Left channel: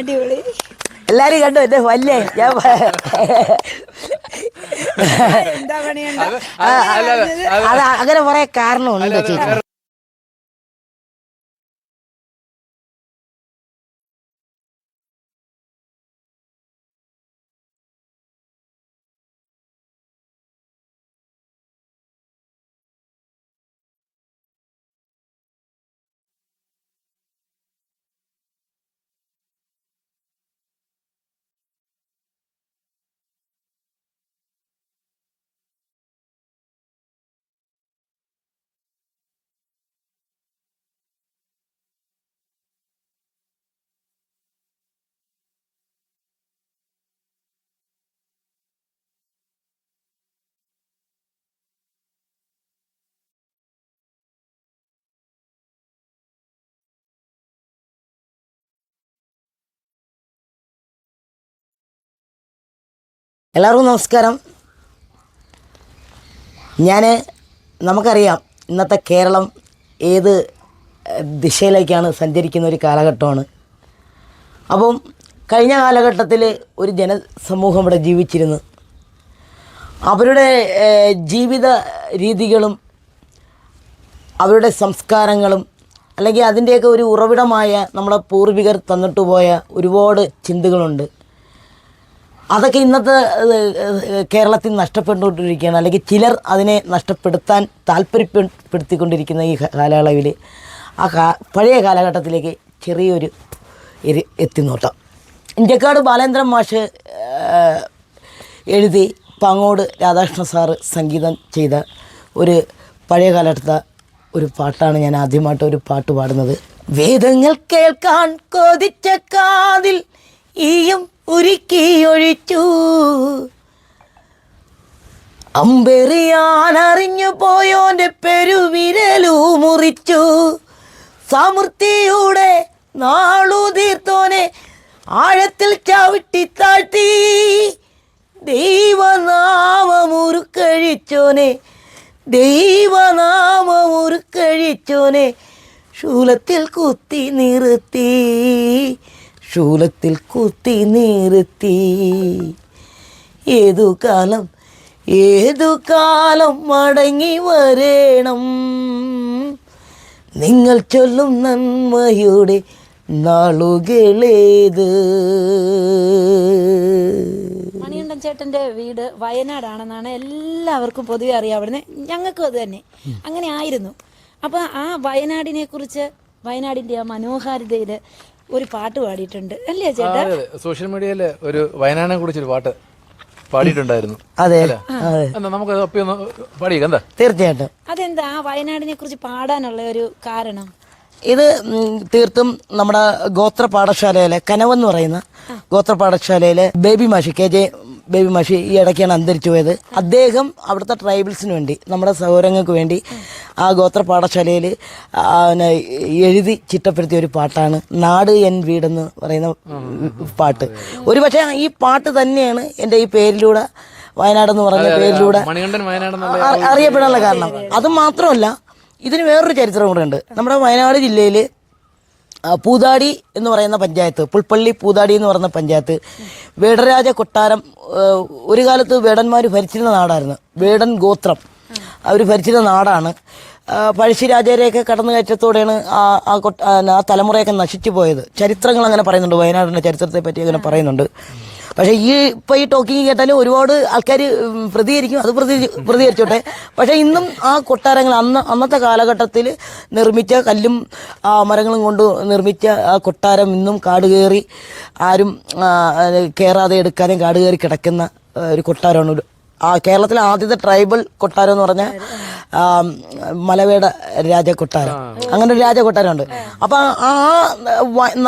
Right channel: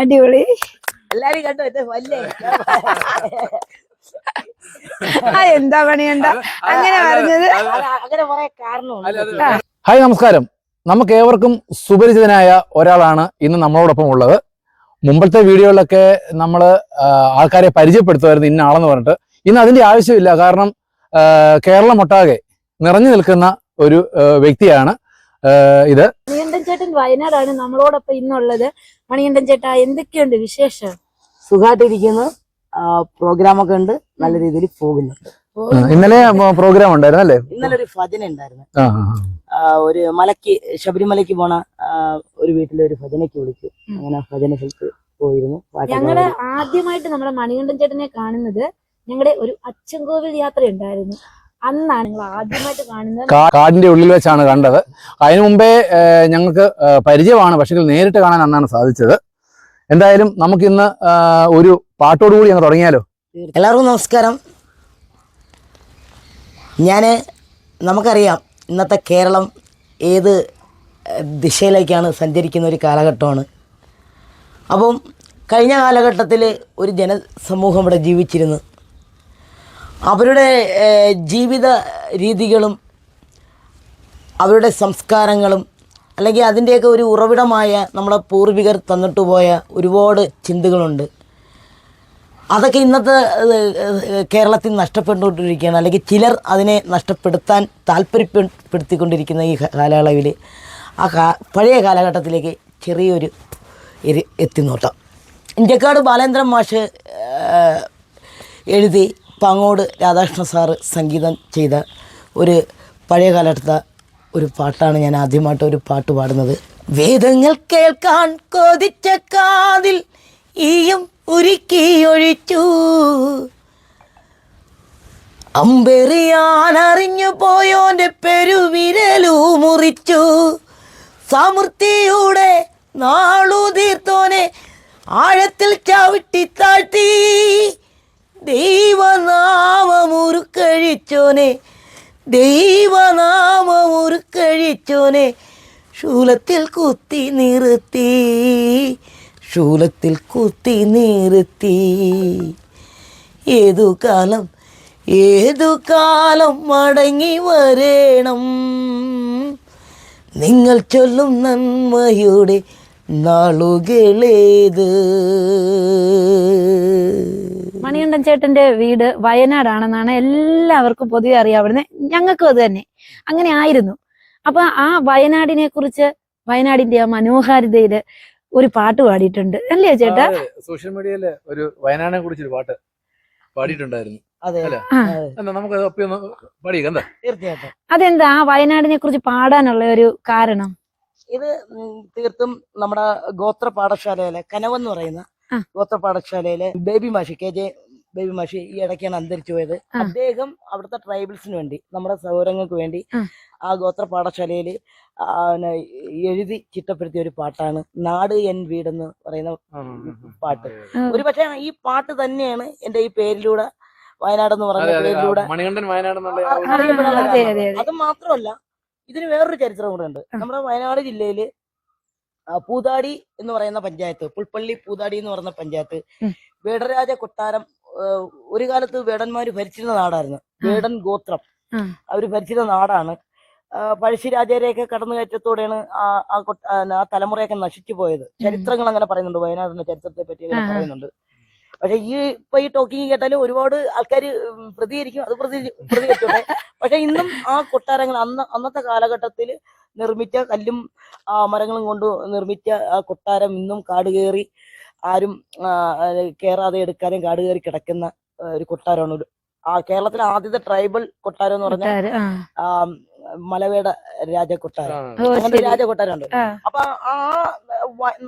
അടിപൊളി. എല്ലാരും കണ്ടു എന്റെ വല്ലേ? ഞാൻ എന്താ പണിയുണ്ടോ അങ്ങനെ പറയാൻ കാരണമുണ്ട് ഹായ് നമസ്കാരം. നമുക്ക് ഏവർക്കും സുപരിചിതനായ ഒരാളാണ് ഇന്ന് നമ്മളോടൊപ്പം ഉള്ളത് മുമ്പത്തെ വീഡിയോകളിലൊക്കെ നമ്മൾ ആൾക്കാരെ പരിചയപ്പെടുത്തുമായിരുന്നു ഇന്ന ആളെന്ന് പറഞ്ഞിട്ട്. ഇന്ന് അതിന്റെ ആവശ്യമില്ല. കാരണം ആ, കേരളം ഒട്ടാകെ നിറഞ്ഞു നിൽക്കുന്ന ഒരു വ്യക്തിയാണ് ഇത്. ചേട്ടൻ വയനാടാണ് നമ്മളോടൊപ്പം ഇന്നുള്ളത്. മണികണ്ഠൻ ചേട്ടാ എന്തൊക്കെയുണ്ട് വിശേഷം? സുഖമായിട്ടിരിക്കുന്നു പ്രോഗ്രാമൊക്കെ ഉണ്ട്. നല്ല രീതിയിൽ പോകുന്നുണ്ട്. ഇന്നലെ പ്രോഗ്രാം ഉണ്ടായിരുന്നു അല്ലേ? ഇന്നലെ ഒരു ഭജന ഉണ്ടായിരുന്നു. ഒരു മലക്ക് ശബരിമലയ്ക്ക് പോണ ഒരു വീട്ടിലെ ഒരു ഭജനയ്ക്ക് വിളിച്ചു. അങ്ങനെ ഭജന സ്ഥലത്ത് പോയിരുന്നു. ഞങ്ങൾ. ആദ്യമായിട്ട് നമ്മുടെ മണികണ്ഠൻ ചേട്ടനെ കാണുന്നത് ഞങ്ങളുടെ ഒരു അച്ചൻകോവിൽ യാത്ര ഉണ്ടായിരുന്നു അന്നാണ് ഞങ്ങൾ ആദ്യമായിട്ട് കാണുന്നത്. കാടിന്റെ ഉള്ളിൽ വെച്ചാണ് കണ്ടത്. അതിനു മുമ്പേ ഞങ്ങൾക്ക് പരിചയമാണ്. പക്ഷേ നേരിട്ട് കാണാൻ അന്നാണ് സാധിച്ചത്. എന്തായാലും നമുക്കിന്ന് ഇന്ന് ഒരു പാട്ടോടുകൂടി അങ്ങ് തുടങ്ങിയാലോ? എല്ലാവർക്കും നമസ്കാരം. ഞാൻ നമുക്കറിയാം ഇന്നത്തെ കേരളം ഏത് ദിശയിലേക്കാണ് സഞ്ചരിക്കുന്ന ഒരു കാലഘട്ടമാണ്. അപ്പം കഴിഞ്ഞ കാലഘട്ടത്തിൽ ഒരു ജനസമൂഹം ഇവിടെ ജീവിച്ചിരുന്നു. അവരുടെ ജീവിത രീതികളും അവരുടെ സംസ്കാരങ്ങളും അല്ലെങ്കിൽ അതിന്റെയൊക്കെ ഒരു ഉറവിടമായ നമ്മുടെ പൂർവികർ തന്നിട്ട് പോയ ഒരുപാട് ചിന്തകളുണ്ട്. അതൊക്കെ ഇന്നത്തെ കേരളത്തിൽ നഷ്ടപ്പെട്ടുകൊണ്ടിരിക്കുകയാണ്. അല്ലെങ്കിൽ ചിലർ അതിനെ നഷ്ടപ്പെടുത്താൻ താല്പര്യപ്പെടുത്തിക്കൊണ്ടിരിക്കുന്ന ഈ കാലയളവിൽ ആ കാ പഴയ കാലഘട്ടത്തിലേക്ക് ചെറിയൊരു എത്തി എത്തിനോട്ടം. ഇന്ത്യക്കാട് ബാലേന്ദ്രൻ മാഷ് എഴുതി പാങ്ങോട് രാധാകൃഷ്ണ സാറ് സംഗീതം ചെയ്ത ഒരു പഴയ കാലഘട്ടത്തെ ഒരു പാട്ടാണ് ഞാൻ ആദ്യമായിട്ട് ഒരു പാട്ട് പാടുന്നത്. വേദങ്ങൾ കേൾക്കാൻ കൊതിച്ച കാതിൽ ഈയും ഉരുക്കി ഒഴിച്ചു അമ്പെറിയാൻ അറിഞ്ഞു പോയോന്റെ പെരുവിരലു മുറിച്ചു. സമൃദ്ധിയുടെ നാളു തീർത്തോനെ ആഴത്തിൽ ചവിട്ടി താഴ്ത്തി. ദൈവനാമമുറുക്കഴിച്ചോനെ ദൈവനാമമുറുക്കഴിച്ചോനെ ശൂലത്തിൽ കുത്തി നിർത്തി ശൂലത്തിൽ കുത്തി നിർത്തി. ഏതു കാലം ഏതു കാലം മടങ്ങി വരേണം? നിങ്ങൾ ചൊല്ലും നന്മയുടെ നാളുകളേത്? മണികണ്ഠൻ ചേട്ടന്റെ വീട് വയനാടാണെന്നാണ് എല്ലാവർക്കും പൊതുവെ അറിയാവുന്നത്. ഞങ്ങൾക്കും അത് തന്നെ. അങ്ങനെ ആയിരുന്നു. അപ്പൊ ആ വയനാടിനെ കുറിച്ച് വയനാടിന്റെ ആ മനോഹാരിതയിൽ ഒരു പാട്ട് പാടിയിട്ടുണ്ട്. അല്ലേ ചേട്ടാ? സോഷ്യൽ മീഡിയയിൽ ഒരു വയനാടിനെ കുറിച്ചൊരു പാട്ട് പാടിയിട്ടുണ്ടായിരുന്നു. അതെ. നമുക്ക് തീർച്ചയായിട്ടും. അതെന്താ? ആ വയനാടിനെ കുറിച്ച് പാടാനുള്ള ഒരു കാരണം. ഇത് തീർത്തും നമ്മുടെ ഗോത്ര പാഠശാലയിലെ കനവെന്ന് പറയുന്ന ഗോത്ര പാഠശാലയിലെ ബേബി മാഷി കെ ജെ ബേബി മാഷി ഈ ഇടയ്ക്കാണ് അന്തരിച്ചു പോയത്. അദ്ദേഹം അവിടുത്തെ ട്രൈബൽസിന് വേണ്ടി നമ്മുടെ സൗരങ്ങൾക്ക് വേണ്ടി ആ. ഗോത്ര പാഠശാലയിൽ എഴുതി ചിട്ടപ്പെടുത്തിയ ഒരു പാട്ടാണ് നാട് എൻ വീടെന്ന് പറയുന്ന പാട്ട്. ഒരു പക്ഷേ ഈ പാട്ട് തന്നെയാണ് എന്റെ ഈ പേരിലൂടെ വയനാട് എന്ന് പറഞ്ഞ പേരിലൂടെ അറിയപ്പെടാനുള്ള കാരണം. അത് മാത്രമല്ല ഇതിന് വേറൊരു ചരിത്രം കൂടെ ഉണ്ട്. നമ്മുടെ വയനാട് ജില്ലയിൽ പൂതാടി എന്ന് പറയുന്ന പഞ്ചായത്ത് പുൽപ്പള്ളി പൂതാടി എന്ന് പറയുന്ന പഞ്ചായത്ത് വേടരാജ കൊട്ടാരം ഒരു കാലത്ത് വേടന്മാർ ഭരിച്ചിരുന്ന നാടായിരുന്നു. വേടൻ ഗോത്രം. അവർ ഭരിച്ചിരുന്ന നാടാണ്. പഴശ്ശിരാജരെയൊക്കെ കടന്നു കടന്നുകയറ്റത്തോടെയാണ് ആ ആ കൊട്ട- ആ തലമുറയൊക്കെ നശിച്ചു പോയത്. ചരിത്രങ്ങൾ അങ്ങനെ പറയുന്നുണ്ട്. വയനാടിന്റെ ചരിത്രത്തെ പറ്റി അങ്ങനെ പറയുന്നുണ്ട്. പക്ഷേ ഈ ഇപ്പൊ ഈ ടോക്കിംഗ് കേട്ടാലും ഒരുപാട് ആൾക്കാർ പ്രതികരിക്കും. അത് പ്രതി പ്രതികരിച്ചോട്ടെ. പക്ഷെ ഇന്നും ആ കൊട്ടാരങ്ങൾ അന്ന് അന്നത്തെ കാലഘട്ടത്തിൽ നിർമ്മിച്ച കല്ലും മരങ്ങളും കൊണ്ട് നിർമ്മിച്ച ആ കൊട്ടാരം ഇന്നും കാട് കയറി ആരും കയറാതെ എടുക്കാനും കാട് കയറി കിടക്കുന്ന ഒരു കൊട്ടാരമാണ് കേരളത്തിലെ ആദ്യത്തെ ട്രൈബൽ കൊട്ടാരം എന്ന് പറഞ്ഞ മലവേട രാജ കൊട്ടാരം അങ്ങനെ ഒരു രാജ കൊട്ടാരമുണ്ട് അപ്പൊ ആ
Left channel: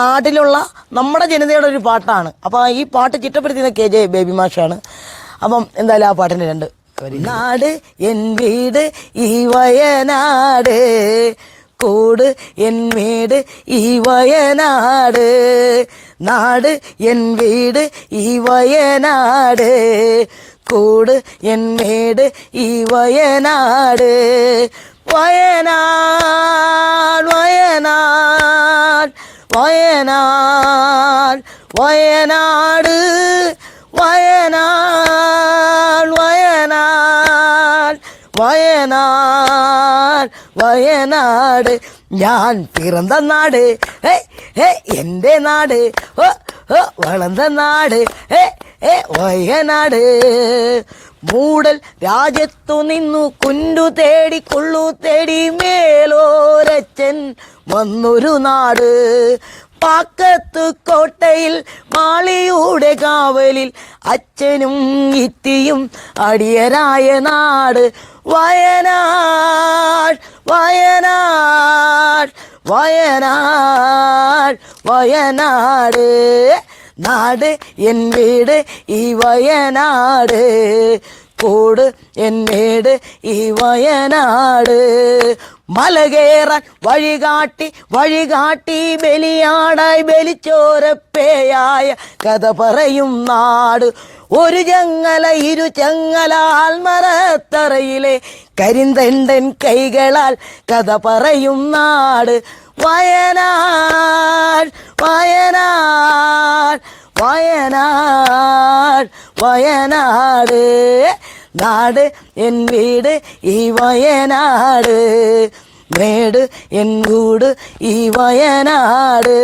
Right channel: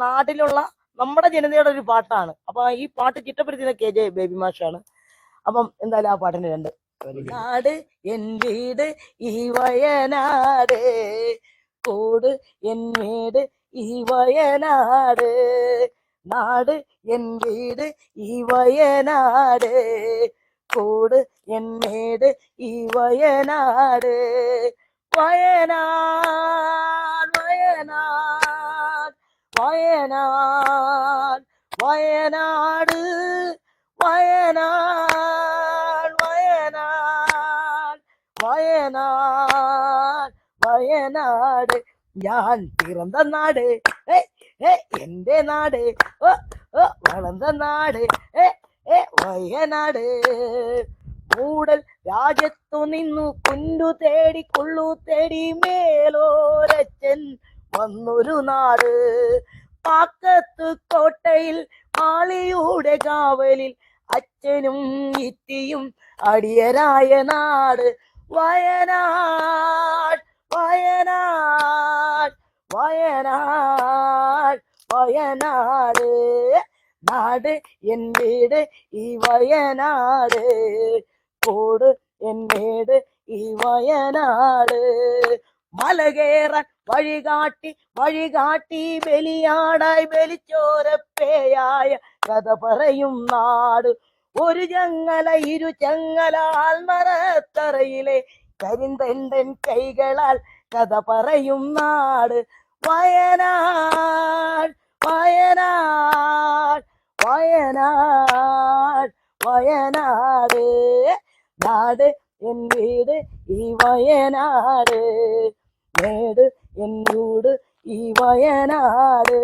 നാട്ടിലുള്ള നമ്മുടെ ജനതയുടെ ഒരു പാട്ടാണ്. അപ്പൊ ഈ പാട്ട് ചിട്ടപ്പെടുത്തിയത് കെ ജെ ബേബി മാഷാണ്. അപ്പം എന്തായാലും ആ പാട്ടിന്റെ രണ്ട്. വരി. നാട് എൻ വീട് ഈ വയനാട്. കൂട് എൻ വീട് ഈ വയനാട്. നാട് എൻ വീട് ഈ വയനാട്. கூடு என் மேடு இவயநாடு வயநாள் வயநாள் வயநாள் வயநாடு. வயநாள் வயநாள் வயநாள் வயநாடு. ഞാൻ പിറന്ന നാട് എൻ്റെ നാട് വളർന്ന നാട് ഹേ വയനാട്. മൂടൽ രാജ്യത്തു നിന്നു കുണ്ടു തേടി കൊള്ളു തേടി മേലോരച്ചൻ വന്നൊരു നാട്. പാക്കത്ത് കോട്ടയിൽ മാളിയുടെ കാവലിൽ അച്ഛനും ഇത്തിയും അടിയനായ നാട്. വയനാട് വയനാട് വയനാട് വയനാട്. നാട് എൻ വീട് ഈ വയനാട്. എൻ എന്നേട് ഈ വയനാട്. മലകേറാൻ വഴികാട്ടി വഴികാട്ടി ബലിയാടായി ബലിച്ചോരപ്പേയായ കഥ പറയും നാട്. ഒരു ചങ്ങല ഇരു ചങ്ങല ആൽമരത്തറയിലെ കരിന്തണ്ടൻ കൈകളാൽ കഥ പറയും നാട്. വയനാട് വയനാട് വയനാട് വയനാട് നാട് എൻ വീട് ഈ വയനാട് മേട് എൻ കൂട് ഈ വയനാട്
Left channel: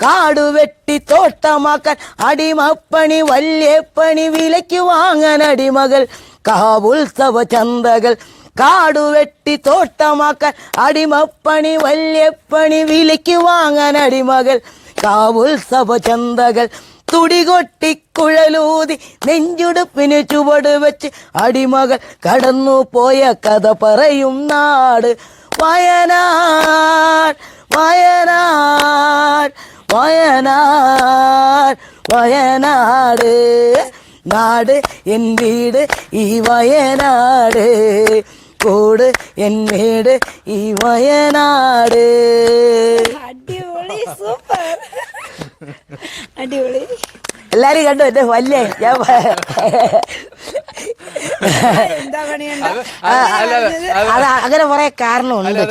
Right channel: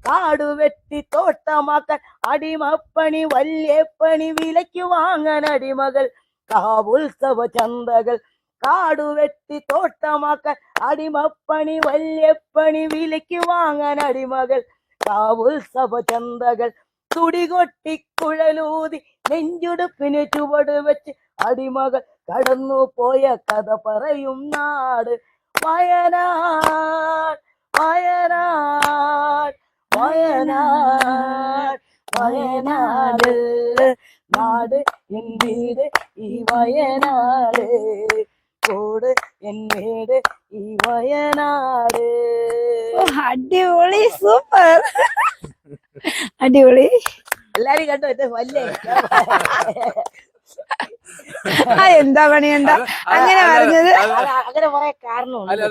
കാട് വെട്ടി തോട്ടമാക്കാൻ അടിമപ്പണി വല്യപ്പണി വിലയ്ക്ക് വാങ്ങാൻ അടിമകൾ കാവുത്സവ ചന്തകൾ കാടു തോട്ടമാക്കാൻ അടിമപ്പണി വല്യപ്പണി വിലയ്ക്ക് വാങ്ങാൻ അടിമകൾ കാവുത്സവ ചന്തകൾ തുടികൊട്ടി കുഴലൂതി നെഞ്ചുടുപ്പിന് ചുവട് വെച്ച് അടിമകൾ കടന്നു പോയ കഥ പറയും നാട്. വയനാട് വയനാട് വയനാട് വയനാട്. നാട് എൻ വീട് ഈ വയനാട്. കോട് എന്നേട് ഈ വയനാട്. അടിപൊളി സൂപ്പർ. അടിപൊളി. എല്ലാരും കണ്ടു? എന്റെ വല്ലേ ഞാൻ എന്താ കൊറേ അത് അങ്ങനെ കുറെ കാരണമുണ്ട്.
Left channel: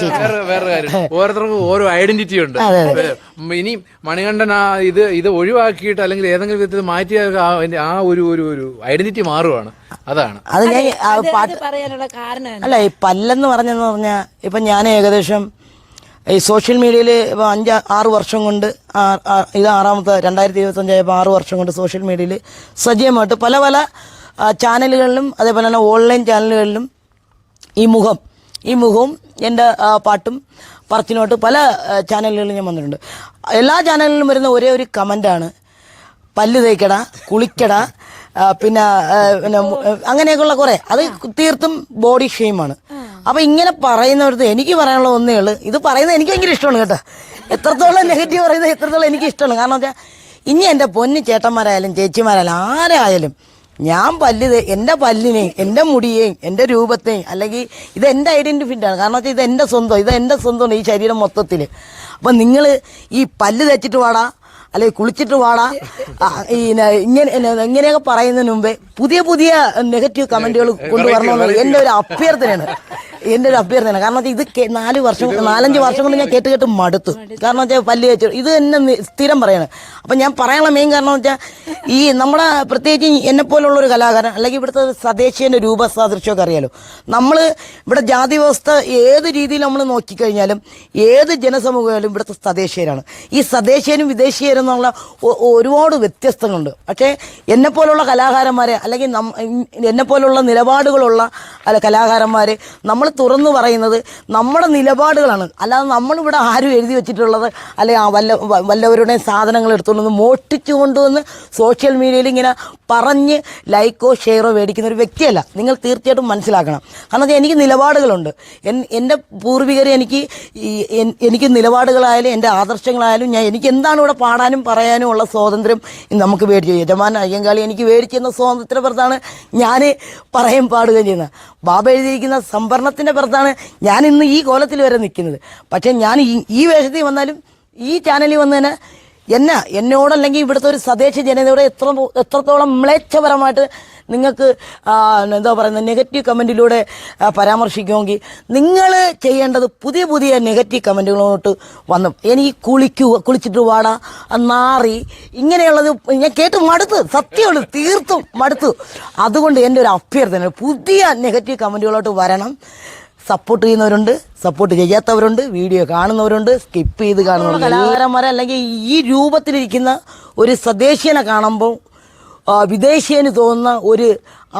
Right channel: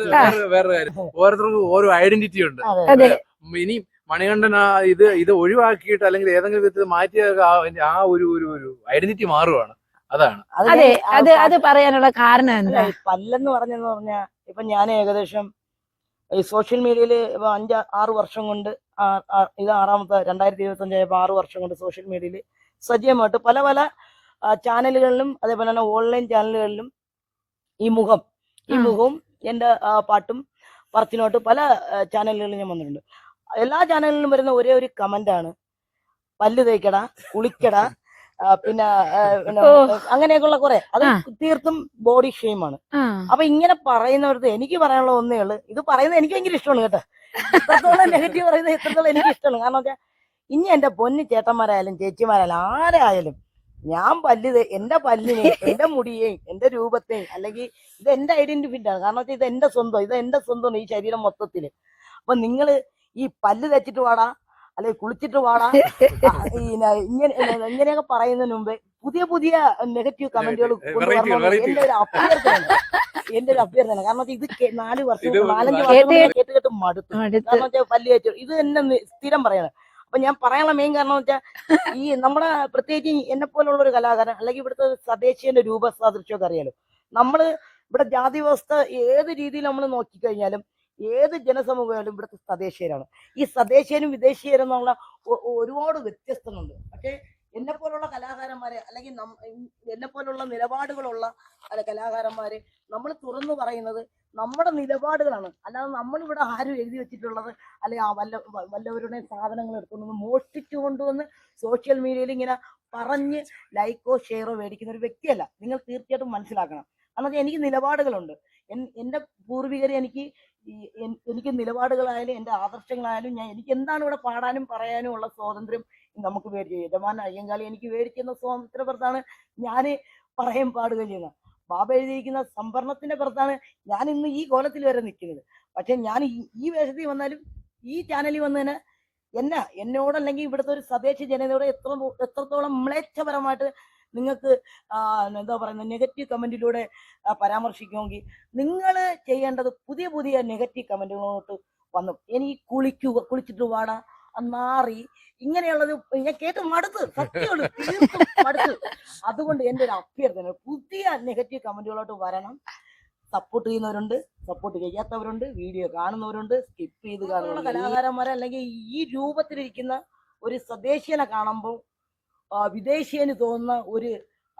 ഓരോരുത്തർക്കും ഓരോ ഐഡന്റിറ്റി ഉണ്ട്. ഇനി മണികണ്ഠൻ ആ ഇത് ഇത് ഒഴിവാക്കിയിട്ട് അല്ലെങ്കിൽ ഏതെങ്കിലും വിധത്തിൽ മാറ്റിയ ആ ഒരു ഒരു ഒരു ഐഡന്റിറ്റി മാറുവാണ്. അതാണ്. അത് പറയാനുള്ള കാരണം അല്ല ഈ പല്ലെന്ന് പറഞ്ഞെന്ന് പറഞ്ഞാൽ ഇപ്പൊ ഞാൻ ഏകദേശം ഈ സോഷ്യൽ മീഡിയയിൽ ഇപ്പോൾ അഞ്ച് ആറ് വർഷം കൊണ്ട് ഇത് ആറാമത്തെ രണ്ടായിരത്തി ഇരുപത്തഞ്ചായപ്പോൾ ആറ് വർഷം കൊണ്ട് സോഷ്യൽ മീഡിയയിൽ സജീവമായിട്ട് പല പല ചാനലുകളിലും അതേപോലെ തന്നെ ഓൺലൈൻ ചാനലുകളിലും ഈ മുഖം ഈ മുഖവും എന്റെ പാട്ടും പറത്തിനോട്ട് പല ചാനലുകളിലും ഞാൻ വന്നിട്ടുണ്ട്. എല്ലാ ചാനലിലും വരുന്ന ഒരേ ഒരു കമന്റാണ് പല്ല് തേക്കട കുളിക്കട പിന്നെ പിന്നെ അങ്ങനെയൊക്കെയുള്ള കുറേ. അത് തീർത്തും ബോഡി ഷെയിമാണ്. അപ്പൊ ഇങ്ങനെ പറയുന്നവർക്ക് എനിക്ക് പറയാനുള്ള ഒന്നേ ഉള്ളൂ. ഇത് പറയുന്നത് എനിക്ക് ഭയങ്കര ഇഷ്ടമാണ് കേട്ടോ. എത്രത്തോളം നെഗറ്റീവ് പറയുന്നത് എത്രത്തോളം എനിക്ക് ഇഷ്ടമാണ്. കാരണം വെച്ചാൽ ഇനി എന്റെ പൊന്ന് ചേട്ടന്മാരായാലും ചേച്ചിമാരായാലും ആരായാലും ഞാൻ പല്ല് എന്റെ പല്ലിനെയും എന്റെ മുടിയെയും എന്റെ രൂപത്തെയും അല്ലെങ്കിൽ ഇത് എന്റെ ഐഡന്റിഫിറ്റാണ് കാരണം വെച്ചാൽ ഇത് എന്റെ സ്വന്തം ഇത് എന്റെ സ്വന്തമാണ് ഈ ശരീരം മൊത്തത്തിൽ അപ്പം നിങ്ങൾ ഈ പല്ല് തേച്ചിട്ട് പാടാ അല്ലെങ്കിൽ കുളിച്ചിട്ട് വാടാ. ഇങ്ങനെ ഇങ്ങനെയൊക്കെ പറയുന്നതിന് മുമ്പേ പുതിയ പുതിയ നെഗറ്റീവ് കമന്റുകൾ കൊണ്ടുവരണമെന്ന് എന്റെ ഒരു അഭ്യർത്ഥനയാണ്. എന്റെ ഒരു അഭ്യർത്ഥന കാരണം ഇത് നാല് വർഷം നാലഞ്ച് വർഷം കൊണ്ട് ഞാൻ കേട്ട് കേട്ട് മടുത്തു. കാരണം വെച്ചാൽ പല്ല് വെച്ചു ഇത് എന്നെ സ്ഥിരം പറയാണ്. അപ്പം ഞാൻ പറയാനുള്ള മെയിൻ കാരണം വെച്ചാൽ ഈ നമ്മളെ പ്രത്യേകിച്ച് എന്നെ പോലുള്ള ഒരു കലാകാരൻ അല്ലെങ്കിൽ ഇവിടുത്തെ സ്വദേശീയന്റെ രൂപസാദൃശ്യമൊക്കെ അറിയാലോ. നമ്മൾ ഇവിടെ ജാതി വ്യവസ്ഥ ഏത് രീതിയിൽ നമ്മൾ നോക്കിക്കഴിഞ്ഞാലും ഏത് ജനസമൂഹമായാലും ഇവിടുത്തെ സ്വദേശീയരാണ് ഈ സ്വദേശീയനും വിദേശീയരും എന്നുള്ള ഒരുപാട് വ്യത്യസ്തങ്ങളുണ്ട്. പക്ഷേ എന്നെ പോലുള്ള കലാകാരന്മാരെ അല്ലെങ്കിൽ എന്നെ പോലുള്ള നിലപാടുകളുള്ള അല്ല കലാകാരന്മാരെ നമ്മൾ തുറന്നു പറയുന്നത് നമ്മുടെ നിലപാടുകളാണ്. അല്ലാതെ നമ്മളിവിടെ ആരും എഴുതി വെച്ചിട്ടുള്ളത് അല്ലെങ്കിൽ വല്ല വല്ലവരുടെ സാധനങ്ങൾ എടുത്തുകൊണ്ട് മോഷ്ടിച്ചു കൊണ്ടുവന്ന് സോഷ്യൽ മീഡിയയിൽ ഇങ്ങനെ പറഞ്ഞ് ലൈക്കോ ഷെയറോ മേടിക്കുന്ന ഒരു വ്യക്തിയല്ല. നിങ്ങൾ തീർച്ചയായിട്ടും മനസ്സിലാക്കണം. കാരണം എനിക്ക് നിലപാടുകളുണ്ട്. എൻ- എന്റെ പൂർവികർ എനിക്ക് എനിക്ക് നിലപാടുകളായാലും എന്റെ ആദർശങ്ങളായാലും ഞാൻ എനിക്ക് എന്താണ് ഇവിടെ പാടാനും പറയാനും ഉള്ള സ്വാതന്ത്ര്യം നമുക്ക് മേടിച്ചു. യജമാൻ അയ്യങ്കാളി എനിക്ക് മേടിച്ചിരുന്ന സ്വാതന്ത്ര്യ പുറത്താണ് ഞാൻ പറയും പാടുകയും ചെയ്യുന്നത് ബാബ എഴുതിയിരിക്കുന്ന സംവരണത്തിന്റെ പുറത്താണ് ഞാൻ ഇന്ന് ഈ കോലത്തിൽ വരെ നിൽക്കുന്നത്. പക്ഷേ ഞാൻ ഈ വേഷത്തിൽ വന്നാലും ഈ ചാനലിൽ വന്നതിന് എന്നാ എന്നോടല്ലെങ്കിൽ ഇവിടുത്തെ ഒരു സ്വദേശ ജനതയോട് എത്ര എത്രത്തോളം മ്ലേച്ഛപരമായിട്ട് നിങ്ങൾക്ക് എന്താ പറയുന്നത് നെഗറ്റീവ് കമന്റിലൂടെ പരാമർശിക്കുമെങ്കിൽ നിങ്ങൾ ചെയ്യേണ്ടത് പുതിയ പുതിയ നെഗറ്റീവ് കമന്റുകളോട്ട് വന്നു. എനിക്ക് കുളിക്കൂ കുളിച്ചിട്ട് വാടാ നാറി ഇങ്ങനെയുള്ളത് ഞാൻ കേട്ട് മടുത്ത്. സത്യമുള്ളൂ തീർത്തും മടുത്തു. അതുകൊണ്ട് എന്റെ ഒരു അഭ്യർത്ഥന പുതിയ നെഗറ്റീവ് കമന്റുകളോട്ട് വരണം. സപ്പോർട്ട് ചെയ്യുന്നവരുണ്ട് സപ്പോർട്ട് ചെയ്യാത്തവരുണ്ട് വീഡിയോ കാണുന്നവരുണ്ട് സ്കിപ്പ് ചെയ്ത് കാണുന്നവരുണ്ട്. കലാകാരന്മാരെ അല്ലെങ്കിൽ ഈ രൂപത്തിലിരിക്കുന്ന ഒരു സ്വദേശീയനെ കാണുമ്പോൾ വിദേശീയന് തോന്നുന്ന ഒരു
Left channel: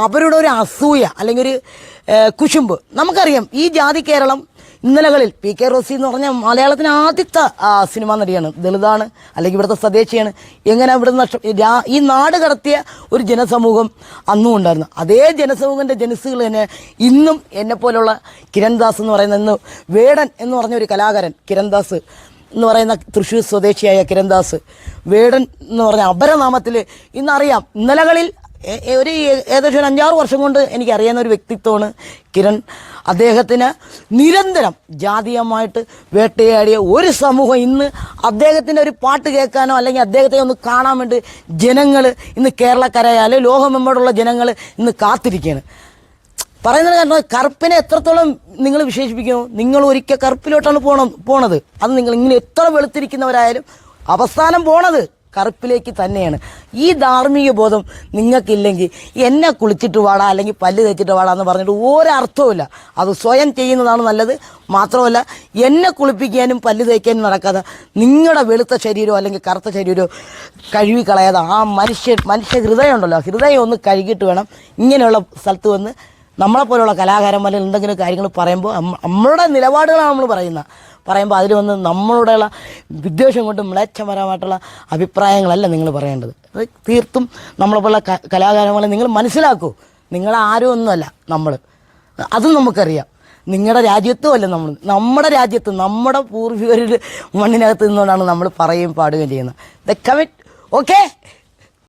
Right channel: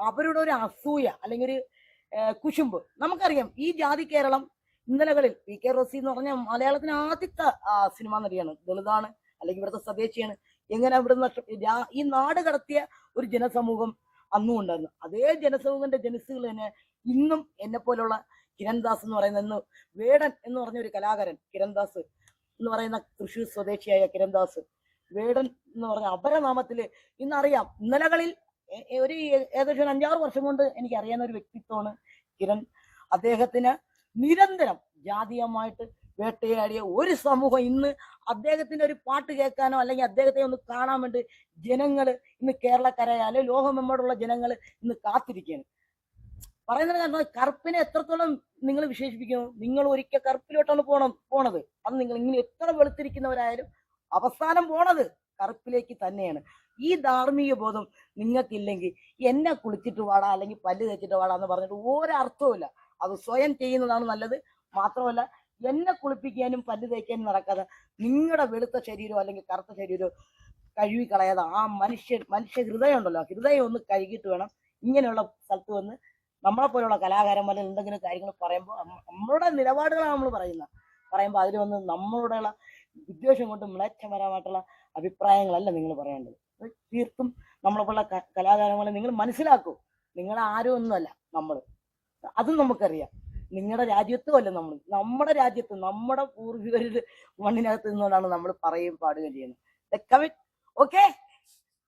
അവരുടെ ഒരു അസൂയ അല്ലെങ്കിൽ ഒരു കുശുമ്പ്. നമുക്കറിയാം ഈ ജാതി കേരളം ഇന്നലകളിൽ പി കെ റോസി എന്ന് പറഞ്ഞ മലയാളത്തിന് ആദ്യത്തെ സിനിമാ നടിയാണ്. ദളിതാണ് അല്ലെങ്കിൽ ഇവിടുത്തെ സ്വദേശിയാണ്. എങ്ങനെ ഇവിടെ നഷ്ട ഈ നാട് കടത്തിയ ഒരു ജനസമൂഹം അന്നും ഉണ്ടായിരുന്നു. അതേ ജനസമൂഹത്തിന്റെ ജനസുകൾ തന്നെ ഇന്നും എന്നെ പോലുള്ള കിരൺദാസ് എന്ന് പറയുന്ന ഇന്ന് വേടൻ എന്ന് പറഞ്ഞ ഒരു കലാകാരൻ കിരൺദാസ് എന്ന് പറയുന്ന തൃശ്ശൂർ സ്വദേശിയായ കിരൺദാസ് വേടൻ എന്ന് പറഞ്ഞ അപരനാമത്തിൽ ഇന്നറിയാം. ഇന്നലകളിൽ ഒരു ഏകദേശം ഒരു അഞ്ചാറ് വർഷം കൊണ്ട് എനിക്കറിയാവുന്ന ഒരു വ്യക്തിത്വമാണ് കിരൺ. അദ്ദേഹത്തിന് നിരന്തരം ജാതീയമായിട്ട് വേട്ടയാടിയ ഒരു സമൂഹം ഇന്ന് അദ്ദേഹത്തിന്റെ ഒരു പാട്ട് കേൾക്കാനോ അല്ലെങ്കിൽ അദ്ദേഹത്തെ ഒന്ന് കാണാൻ വേണ്ടി ജനങ്ങൾ ഇന്ന് കേരളക്കരയാൽ ലോകമെമ്പാടുള്ള ജനങ്ങൾ ഇന്ന് കാത്തിരിക്കുകയാണ്. പറയുന്നത് കാരണം കറുപ്പിനെ എത്രത്തോളം നിങ്ങൾ വിശേഷിപ്പിക്കുന്നു? നിങ്ങൾ ഒരിക്കൽ കറുപ്പിലോട്ടാണ് പോണം പോണത്. അത് നിങ്ങൾ ഇങ്ങനെ എത്ര വെളുത്തിരിക്കുന്നവരായാലും അവസാനം പോണത്. കറുപ്പിലേക്ക് തന്നെയാണ്. ഈ ധാർമ്മിക ബോധം നിങ്ങൾക്കില്ലെങ്കിൽ എന്നെ കുളിച്ചിട്ട് വാടാ അല്ലെങ്കിൽ പല്ല് തേച്ചിട്ട് വാടാ എന്ന് പറഞ്ഞിട്ട് ഒരർത്ഥവുമില്ല. അത് സ്വയം ചെയ്യുന്നതാണ് നല്ലത്. മാത്രമല്ല എന്നെ കുളിപ്പിക്കാനും പല്ല് തേക്കാനും നടക്കാതെ നിങ്ങളുടെ വെളുത്ത ശരീരമോ അല്ലെങ്കിൽ കറുത്ത ശരീരമോ കഴുകി കളയാതെ ആ മനുഷ്യ മനുഷ്യ ഹൃദയം ഉണ്ടല്ലോ ഹൃദയം ഒന്ന് കഴുകിയിട്ട് വേണം ഇങ്ങനെയുള്ള സ്ഥലത്ത് വന്ന്. നമ്മളെപ്പോലുള്ള കലാകാരന്മാരിൽ എന്തെങ്കിലും കാര്യങ്ങൾ പറയുമ്പോൾ നമ്മളുടെ നിലപാടുകളാണ് നമ്മൾ പറയുന്നത്. പറയുമ്പോൾ അതിൽ വന്ന് നമ്മളോടുള്ള വിദ്വേഷം കൊണ്ട് മ്ലേച്ഛപരമായിട്ടുള്ള അഭിപ്രായങ്ങളല്ല നിങ്ങൾ പറയേണ്ടത്. അത് തീർത്തും നമ്മളെ പോലുള്ള ക- കലാകാരന്മാരെ നിങ്ങൾ മനസ്സിലാക്കൂ. നിങ്ങൾ ആരും ഒന്നുമല്ല നമ്മൾ അതും നമുക്കറിയാം. നിങ്ങളുടെ രാജ്യത്തും അല്ല നമ്മൾ നമ്മുടെ രാജ്യത്ത് നമ്മുടെ പൂർവികരുടെ മണ്ണിനകത്ത് നിന്നുകൊണ്ടാണ് നമ്മൾ പറയുകയും പാടുകയും ചെയ്യുന്നത്. The commit okay?